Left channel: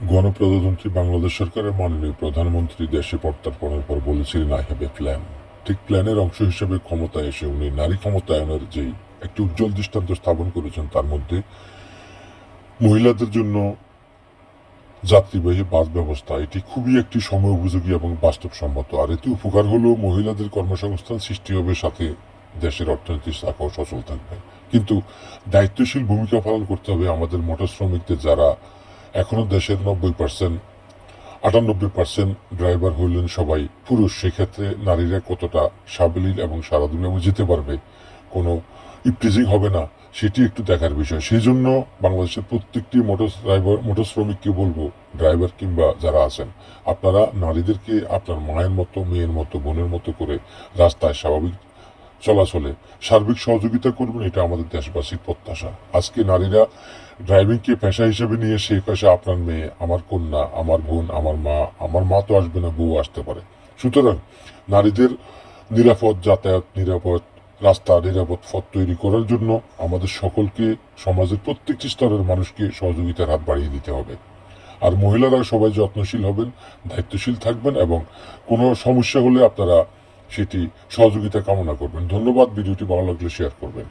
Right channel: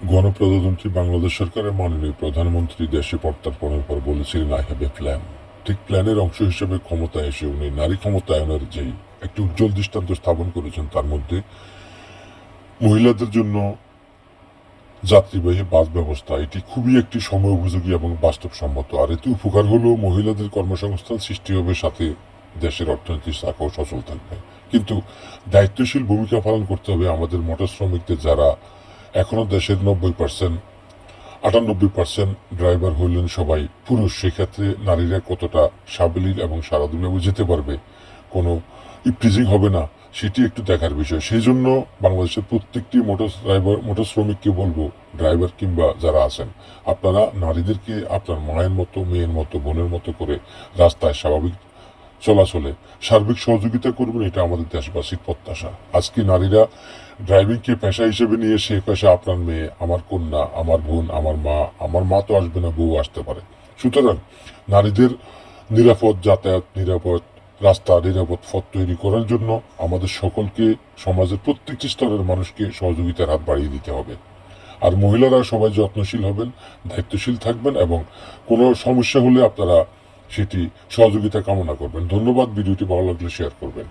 গণপ্রজাতন্ত্রী বাংলাদেশ সরকারের মাননীয় প্রধানমন্ত্রী দেশে পদার্পণের পর বলেছিলেন আই হ্যাভ এ প্ল্যান। ঠিক প্ল্যানের অংশ হিসেবে ক্ষমতায় এসে উনি নারী ক্ষমতায়নের যেই একটি উজ্জ্বল দৃষ্টান্ত স্থাপন করেছেন, তার মধ্যে মহিলাদের জন্য যাত্রীবাহী বাস ব্যবস্থা, এটি খুবই একটি সময় উপযোগী এবং বাস্তবসম্মত। আর এতে উপকার হলো মহিলাদের কর্মসংস্থান সৃষ্টি হবে, সাথে দেশের অর্থনৈতিক চাকাও সচল থাকবে। কিন্তু দায়িত্বশীল ভূমিকা পালন করতে হবে আমাদের মোটর শ্রমিকদের, যারা এখনো দেশের 98% ড্রাইভার হইলেন সবাই পুরুষ। সেক্ষেত্রে নারীরা কতটা সাবলীল এবং সারা দুনিয়ায় যেতে পারবে, কোনো ইপটিজিং হবে না, সেটি একটু দেখার বিষয়। সেই জন্য বাংলাদেশের প্রত্যেকটি মোটর শ্রমিককে বলবো, ড্রাইভার কিংবা যারা আছেন, আপনারা নারীদেরকে আপনার মায়ের মতো, মেয়ের মতো, বোনের মতো করে রাস্তায় স্বাভাবিক চলাচলে সার্বিক সহযোগিতা করবেন। এটা আমাদের দেশবাসীর প্রত্যাশা। আজকে নারীরা ড্রাইভিংকে পেশা হিসেবে নিয়ে, সেই পেশা আপনার মেয়ে, আমার কন্যা, আমার বোন, আমার মা তো আসবে না, বউ আসতে পারে। সুতরাং নারীদের নিরাপদ যাতায়াত, নিরাপদ রাস্তা, নিরাপদ পথ তৈরি করার জন্য আমাদের সকলকে, সমাজের প্রত্যেকটি স্তরের মানুষকে সহযোগিতার হাত বাড়িয়ে দিতে হবে। আর মহিলারা সবাই যত্নশীল হবেন, দায়িত্বশীল থাকবেন এবং কোনো সমস্যা হলে আপনারা সেটি সহযোগিতা কামনা করবেন। ধন্যবাদ। ভিডিওটি ভালো লাগলে শেয়ার করবেন।